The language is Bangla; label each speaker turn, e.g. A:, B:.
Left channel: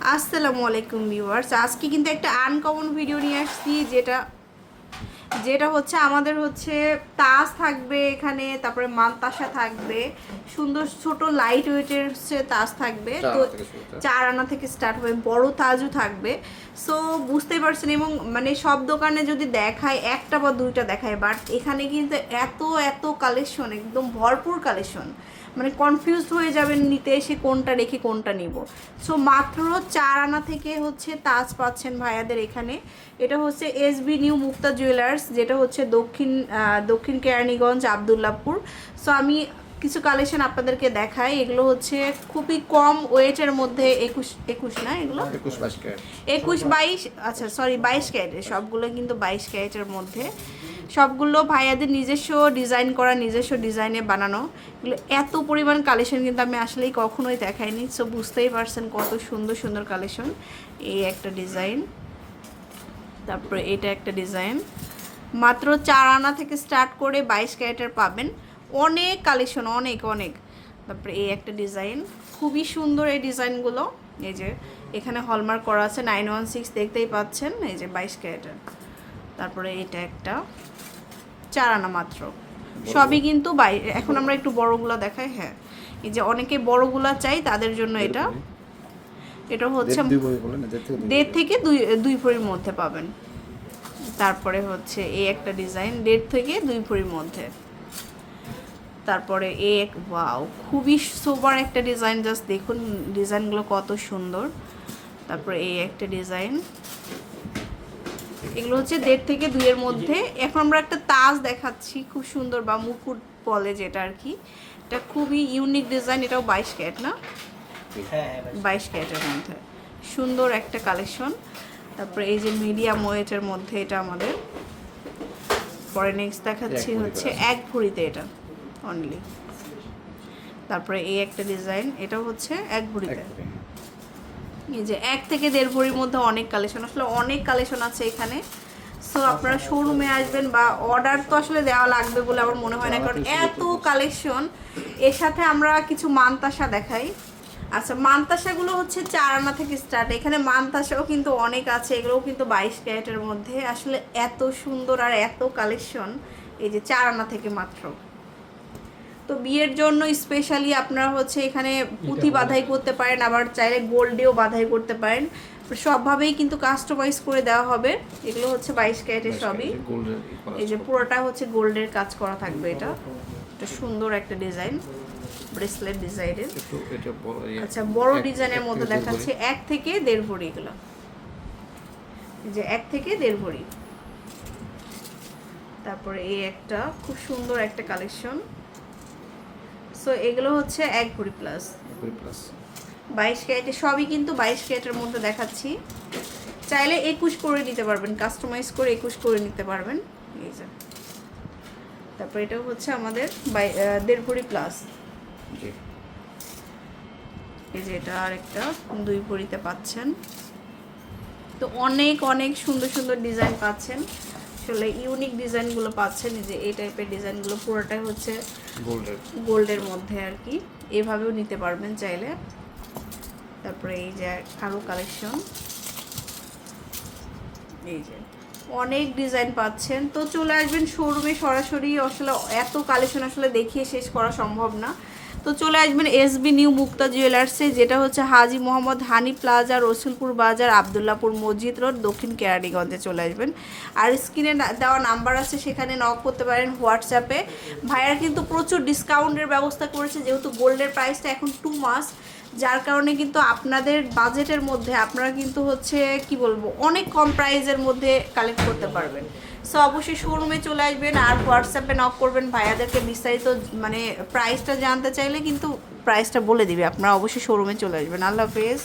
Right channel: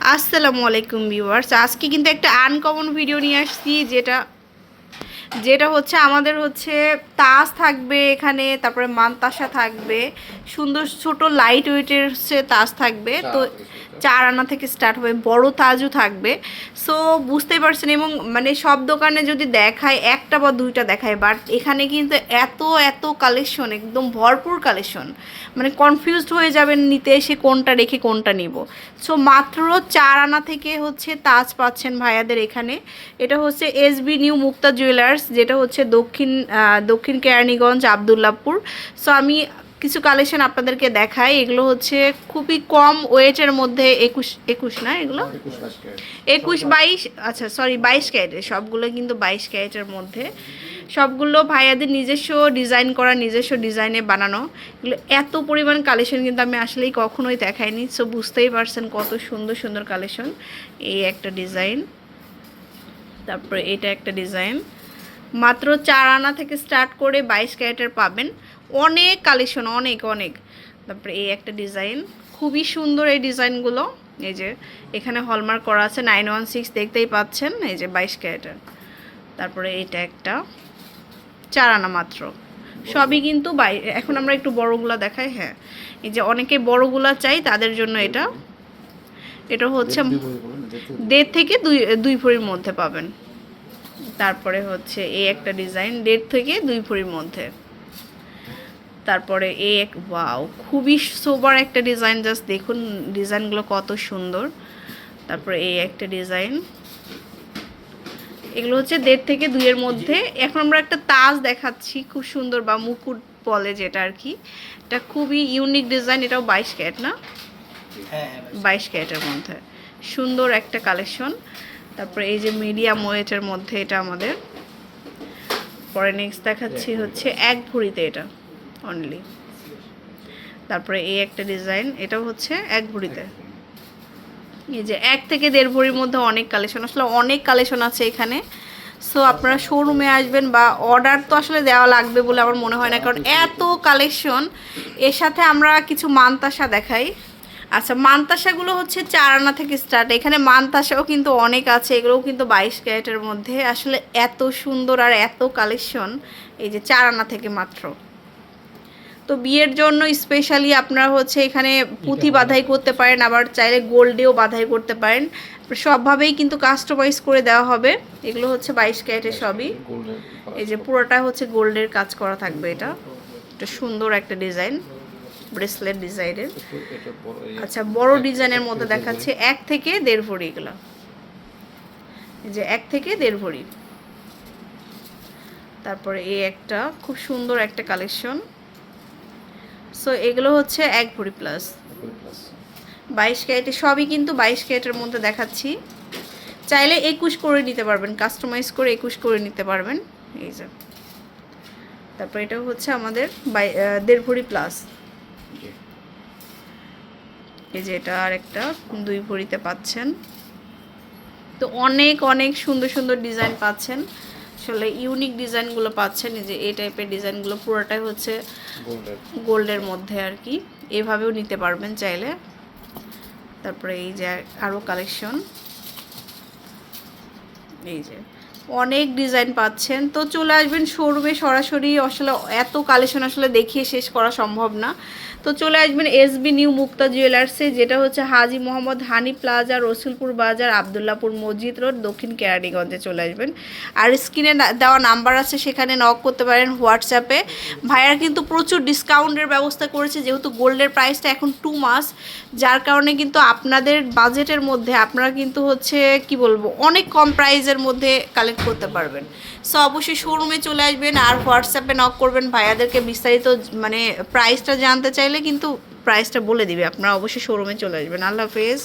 A: আসসালামু আলাইকুম ভিউয়ার্স। আজকে কিন্তু একটা আনকমন ভিডিও নিয়ে আসছি যেটা যেটা হচ্ছে আমাদের হচ্ছে তাস থাকবে এখানে তারপরে মানতাসা থাকবে সুন্দর ছোট লাইট ওয়েটের হচ্ছে তাস থাকবে তো? চার আনা থেকে স্টার্ট হবে বড় তাজও থাকবে। সো বুঝতেই পারছেন এবং মানে সব দোকানে যদি দেখায় একটা বা দুইটা দেখায় বাট এখানে কিন্তু এত এত কালেকশন একদম ভরপুর কালেকশন মানে কনফিউজড হয়ে যাবেন নিতে এসে কোনটা রেখে কোনটা নিব। সো মাত্র চার আনা থেকে হচ্ছে তাজ পাচ্ছেন ভাইয়াদের এখানে। এটা হচ্ছে এসবি নিউ মুক্তা জুয়েলার্স যেটা হচ্ছে দক্ষিণ দক্ষিণ কেরানীগঞ্জ আবদুল্লাপুর। সো আমি কিছু কালেকশন আপনাদেরকে দেখাই। এগুলো হচ্ছে খুবই কম ওয়েটের মধ্যে একুশ একুশ না এগুলো?
B: একুশ বাইশ
A: একুশ বাইশ আচ্ছা সরি বাইশ ক্যারেটের সবগুলো কিন্তু বাইশ ক্যারেটের মধ্যে। সবগুলো ভাইয়াদের নিজস্ব ডিজাইন করা নিজস্ব ডিজাইনে বানানো। এগুলো এত পরিমাণ কালেকশন কিন্তু আমি আসলেই কখনোই দেখাইনি। সো বুঝতেই পারছেন কত সুন্দর সুন্দর কালেকশন এই একটা ডিজাইন তারপরে এটা একটা ডিজাইন মাত্র চার আনা থেকে স্টার্ট করে বাইশ ক্যারেটের পাবেন। অনেক কালেকশন অনেক অনেক। তারপরে এই একটা ডিজাইন খুবই সুন্দর এই ডিজাইনগুলো এই যে এখানে হলমার্ক করা আছে নাইন ওয়ান সিক্স দেখতেই পাচ্ছেন এই যে বাইশ ক্যারেটের। তারপরে এটা একটা চার আনা মাত্র। সবই কিন্তু বাই এখন আমরা একটু বড়গুলো দেখাই হ্যাঁ। এই যে অনেকে বড়গুলা চাই তাদের জন্য এটা। এটা হচ্ছে
B: দেড় থেকে দুই
A: দুই ভরির মধ্যে পাবেন। তারপরে হচ্ছে এই একটা ডিজাইন দেড় থেকে দুই ভরির মধ্যে। তারপরে এ এক ওয়াও খুবই সোবার একটা ডিজাইন জাস্ট দেখুন ডিজাইনগুলো কত সুন্দর। তারপরে এই একটা ডিজাইন। এগুলো হচ্ছে দেড় থেকে দুইয়ের মধ্যে। এখন আমরা একটা তাজ দেখাচ্ছি খুব সুন্দর বা মুকুট বলে যেটা আর কি। এটা খুবই ইউনিক ডিজাইন এটাও বাইশ ক্যারেট না? বাইশ ক্যারেটের মধ্যে। সুন্দর একটা কালেকশন। তারপরে এই যে মিডিয়াম ওয়েটের মধ্যে এটা আমাদের। পরে নেক্সট দেখাচ্ছি হচ্ছে এক ভরিতে এটা অনলি তারপরে এই একটা ডিজাইন এটাও হচ্ছে এক
B: থেকে।
A: এই যে এক থেকে দেড় ভরির মধ্যে অনেক কালেকশন আসলে অনেক কালেকশন আছে এখানে। সো আপনারা শোরুমে আসবেন বা অর্ডার তো আসলে দেওয়া লাগবে বলে আমার মনে হয় না কারণ এত কালেকশন এর সাথে আমরা কিছু মানতাসা দেখাই। আচ্ছা মানতাসাগুলো হচ্ছে চার আনা থেকে স্টার্ট এখানে মানতাসাও কিন্তু অনেক আছে এগুলোও কিন্তু বাইশ ক্যারেটের মধ্যে। আসলে এত সুন্দর আর এত কালেকশন এই যে চার আনা থেকে মাত্র। তো বিয়ের জন্য স্পেশালি আপনারা হচ্ছে এখানে পুঁথি বাধাই করতে পারেন আবার চাইলে গোল্ডেও বাধাই করতে পারেন। সবভাবেই কিন্তু কাস্টমাইজ করে দেওয়া হবে। এগুলো হচ্ছে বাইশ ক্যারেটের সবই। এই যে পুরোটা হচ্ছে গোল্ডের কাজ করা থাকবে এটা। এটা সুন্দর একটা ডিজাইন ব্রেসলেট ডিজাইনের
B: এই
A: আচ্ছা বড় ডিজাইনের মধ্যে দেখাচ্ছে এক থেকে দেড় ভরি এগুলো। এই যে এক থেকে দেড় ভরি। তারপরে এই একটা খুব সুন্দর একটা কালেকশন সো এগুলো হচ্ছে এক ভরি প্লাস বাইশ ক্যারেটে সবই কিন্তু বাইশ ক্যারেটের মধ্যে দেখাচ্ছি। চাইলে একুশ করে নিতে পারবেন কাস্টমাইজ করে একুশ করে নিতে পারবেন। এই যে। তারপর এটা হচ্ছে আমাদের বাই- দেড় ভরি প্লাস এই যে এটা আর একটা দুই ভরিতে পাচ্ছেন। তো অনেক অনেক সুন্দর সুন্দর ডিজাইন পাচ্ছেন। আসলে ইউনিক ডিজাইনগুলো পাচ্ছেন। এই যে এই টাইপের ডিজাইনগুলো পুরোটাই হচ্ছে গোল্ডের মধ্যে আর কি। এভাবেও নিতে পারবেন চাইলে। তারপরে এই যে আরও কালেকশন এই যে অনেক ডিজাইন পাচ্ছেন। তো চলে আসবেন শোরুমে সরাসরি। আসলে এত কালেকশন আসলে দেখিয়ে শেষ করা সম্ভব না। তো চলে আসবেন এসবি নিউ মুক্তা জুয়েলার্সে, যেটা হচ্ছে হাজি মোহাম্মদ হানি প্লাজা, রসুলপুর বাজার, আবদুল্লাপুর মসজিদ রোড, দক্ষিণ কেরানীগঞ্জে চলে আসবেন। আর স্ক্রিনে দেওয়া নাম্বার আছে, সেখানে নক করতে পারেন হোয়াটসঅ্যাপে ভাইয়ার কিন্তু প্রচুর ডিসকাউন্টের ব্যবস্থা করেছে, যেহেতু গোল্ডের প্রাইসটা এখন টু মাস। যার কারণে কিন্তু আপনাদের বাজেটের মধ্যে আপনারা কিন্তু হচ্ছে, কি বলব, অনেক কম প্রাইসের মধ্যে কালেক্ট করতে পারবেন। সো অবশ্যই শোরুমে চলে আসবেন আর হোয়াটসঅ্যাপে নক করবেন। ভাইয়াদেরকে বিস্তারিত মানে প্রাইসটা জানতে চাইলে কিন্তু প্রাইসটা বলে দিবে। আপনারা অবশ্যই শোরুমে চলে আসবেন। আল্লাহ হাফেজ।